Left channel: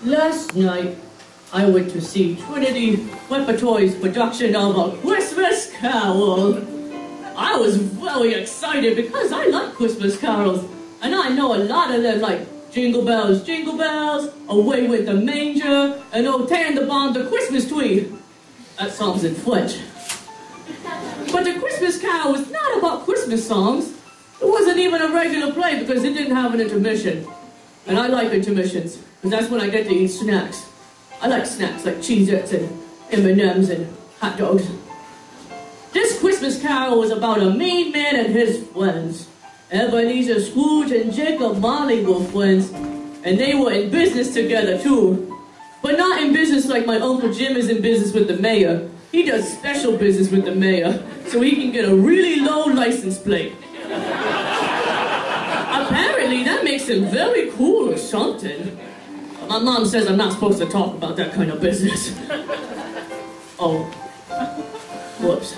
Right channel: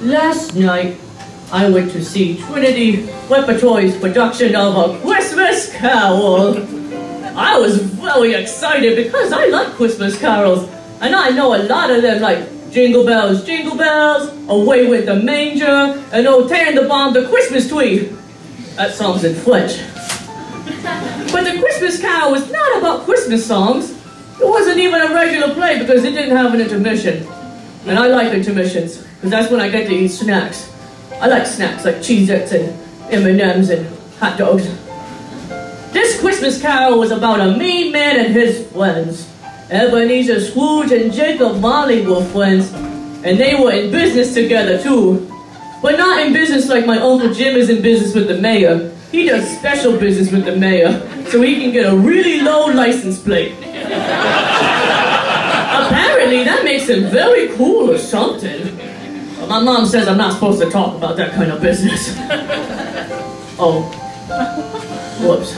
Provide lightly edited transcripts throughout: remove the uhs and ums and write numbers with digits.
Last night, I went to see Trinity Repertory's production of A Christmas Carol. I was very excited because I like Christmas carols, and I know a lot of them like Jingle Bells, Jingle Bells, Away with the Manger, and Oh Tannenbaum the Christmas Tree. That song's in French. But the Christmas Carol was not about Christmas songs. It wasn't even a regular play because it didn't have an intermission. And I like intermissions, because that's when I get to eat snacks. I like snacks like Cheez-Its and M&Ms and hot dogs. This Christmas Carol was about a mean man and his friends. Ebenezer Scrooge and Jacob Marley were friends, and they were in business together too. But not in business like my Uncle Jim is in business with the mayor. He does special business with the mayor, so he can get a really low license plate. Apparently, that makes him very cool or something. But my mom says I'm not supposed to talk about that kind of business. Oh. Whoops.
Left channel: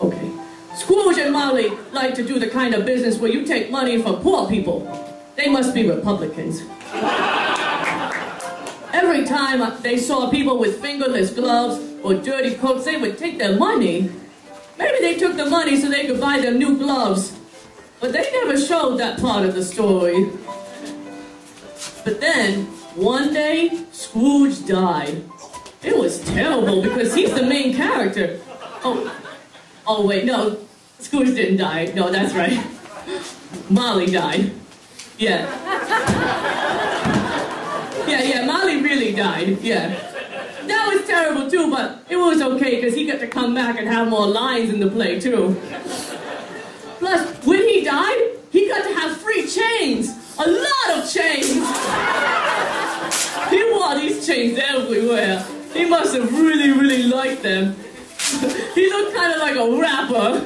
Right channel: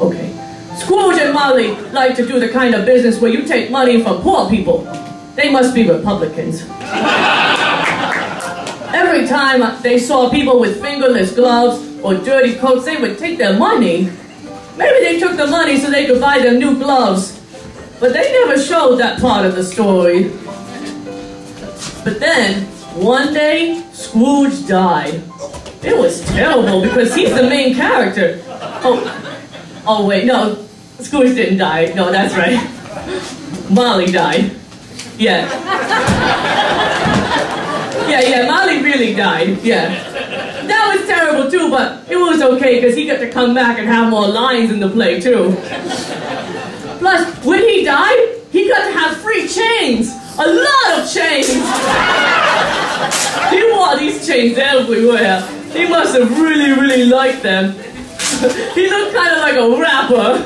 Okay. Scrooge and Marley like to do the kind of business where you take money from poor people. They must be Republicans. Every time they saw people with fingerless gloves or dirty coats, they would take their money. Maybe they took the money so they could buy them new gloves. But they never showed that part of the story. But then, one day, Scrooge died. It was terrible because he's the main character. Oh wait, no, Scrooge didn't die. No, that's right. Molly died. Yeah. Yeah, Molly really died, yeah. That was terrible too, but it was okay because he got to come back and have more lines in the play too. Plus, when he died, he got to have free chains. A lot of chains. He wore these chains everywhere. He must have really, really liked them. He looked kind of like a rapper.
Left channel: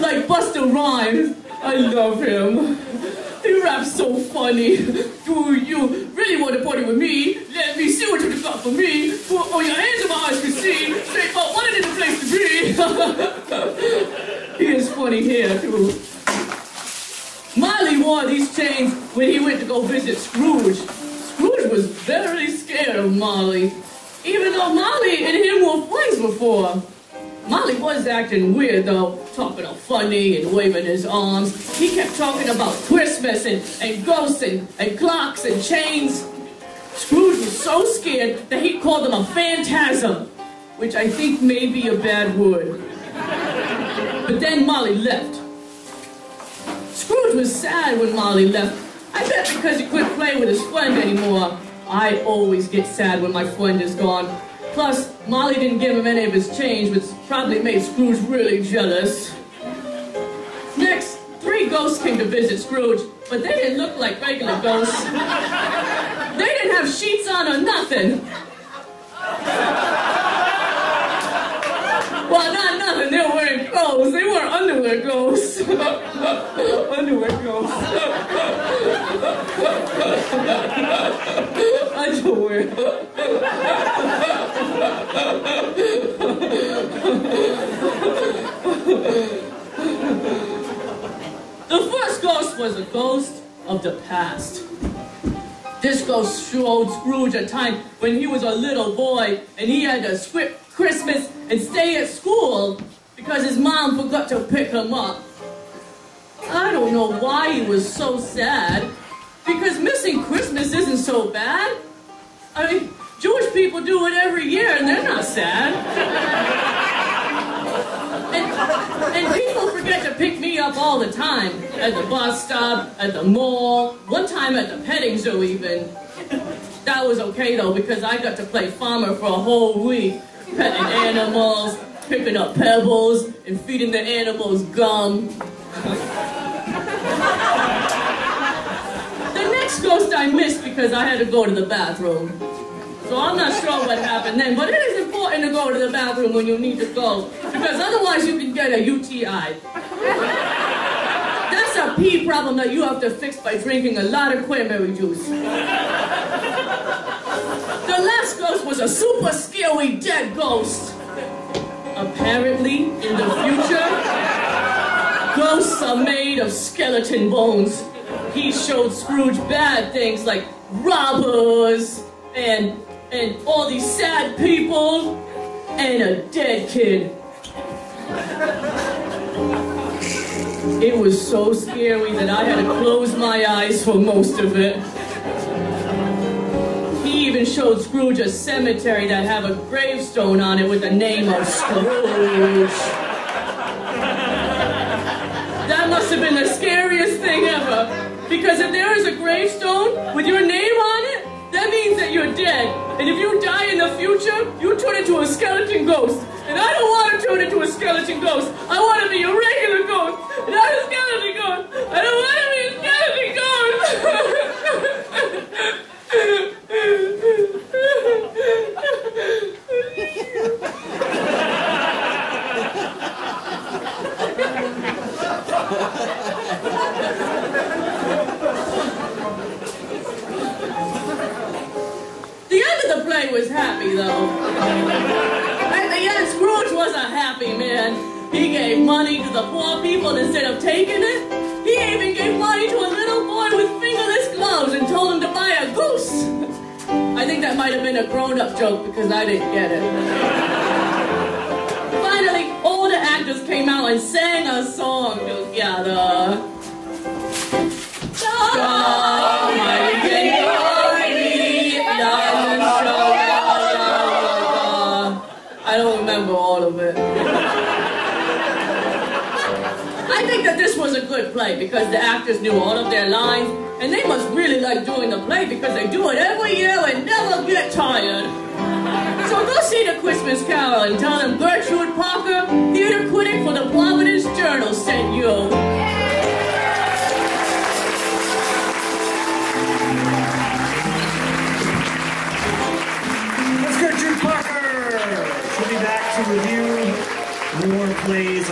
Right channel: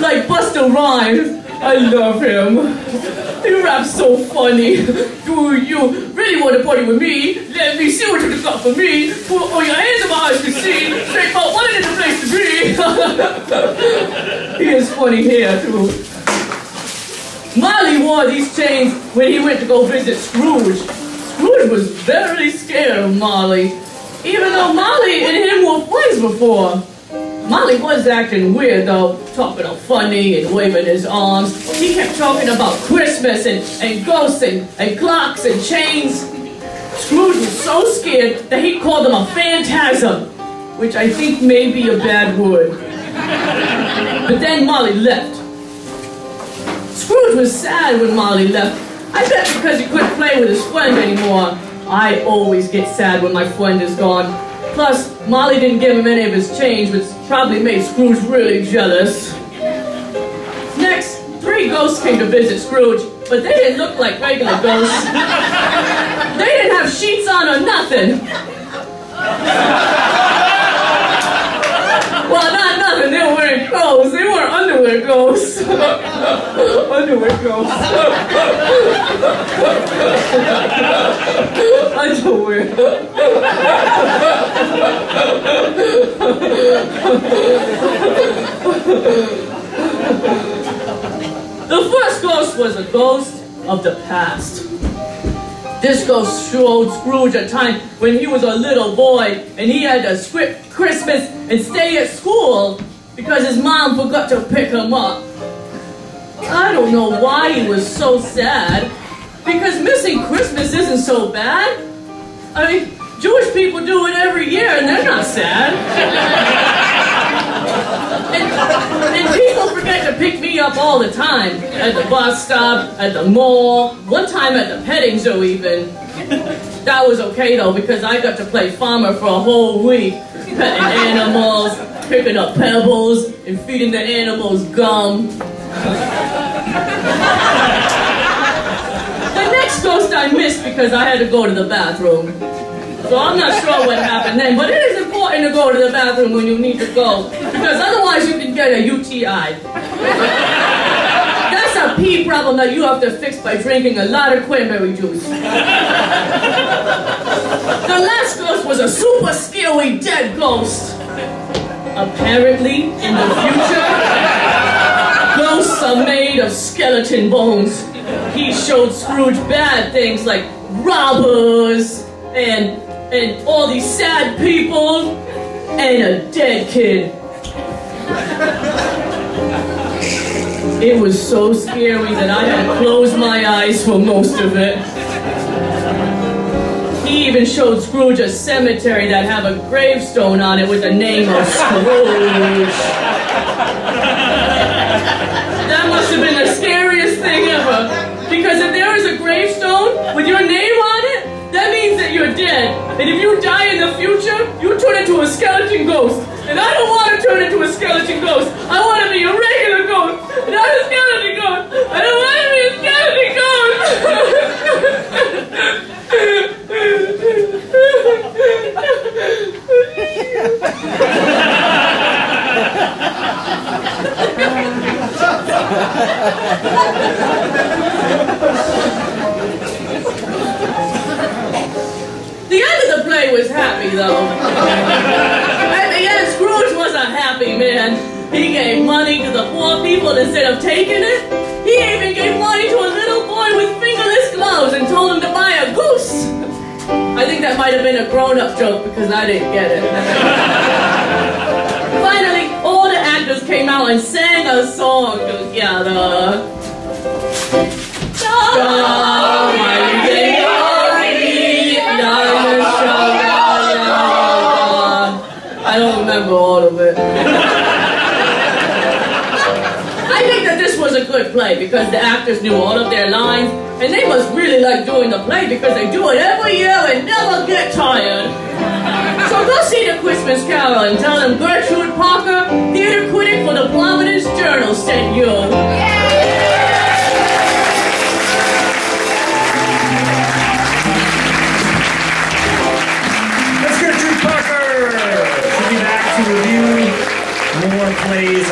like Busta Rhymes. I love him. He raps so funny. Do you really want to party with me? Let me see what you got for me. Put all your hands in my eyes to see. Straight up, what is the place to be? He has funny hair too. Molly wore these chains when he went to go visit Scrooge. Scrooge was very scared of Molly, even though Molly and him were friends before. Molly was acting weird though, talking all funny and waving his arms. He kept talking about Christmas and ghosts and clocks and chains. Scrooge was so scared that he called him a phantasm, which I think may be a bad word. But then Molly left. Scrooge was sad when Molly left. I bet because he couldn't play with his friend anymore. I always get sad when my friend is gone. Plus, Molly didn't give him any of his change, which probably made Scrooge really jealous. Next, 3 ghosts came to visit Scrooge, but they didn't look like regular ghosts. They didn't have sheets on or nothing. Well, not nothing, they were wearing clothes. They were underwear ghosts. Underwear ghosts. Underwear. The first ghost was a ghost of the past. This ghost showed Scrooge a time when he was a little boy and he had to skip Christmas and stay at school because his mom forgot to pick him up. I don't know why he was so sad, because missing Christmas isn't so bad. I mean, Jewish people do it every year and they're not sad. And people forget to pick me up all the time. At the bus stop, at the mall, one time at the petting zoo even. That was okay though, because I got to play farmer for a whole week. Petting animals, picking up pebbles, and feeding the animals gum. The next ghost I missed because I had to go to the bathroom. So I'm not sure what happened then, but it is important to go to the bathroom when you need to go, because otherwise you can get a UTI. That's a pee problem that you have to fix by drinking a lot of cranberry juice. The last ghost was a super scary dead ghost. Apparently, in the future, ghosts are made of skeleton bones. He showed Scrooge bad things like robbers and all these sad people and a dead kid. It was so scary that I had to close my eyes for most of it. He even showed Scrooge a cemetery that had a gravestone on it with the name of Scrooge. That must have been the scariest thing ever. Because if there is a gravestone with your name on it, that means that you're dead. And if you die in the future, you turn into a skeleton ghost. And I don't want to turn into a skeleton ghost. I want to be a regular ghost, not a skeleton ghost. I don't want to be a skeleton ghost. The end of the play was happy, though. At the end, Scrooge was a happy man. He gave money to the poor people instead of taking it. He even gave money to a little boy with fingerless gloves and told him to buy a goose. I think that might have been a grown-up joke because I didn't get it. Finally, all the actors came out and sang a song together. I don't remember all of it. I think that this was a good play because the actors knew all of their lines, and they must really like doing the play because they do it every year and never get tired. So go see the Christmas Carol and tell them Gertrude Parker, theater critic for the Providence Journal, sent you. That's Gertrude Parker! She'll be back to review more plays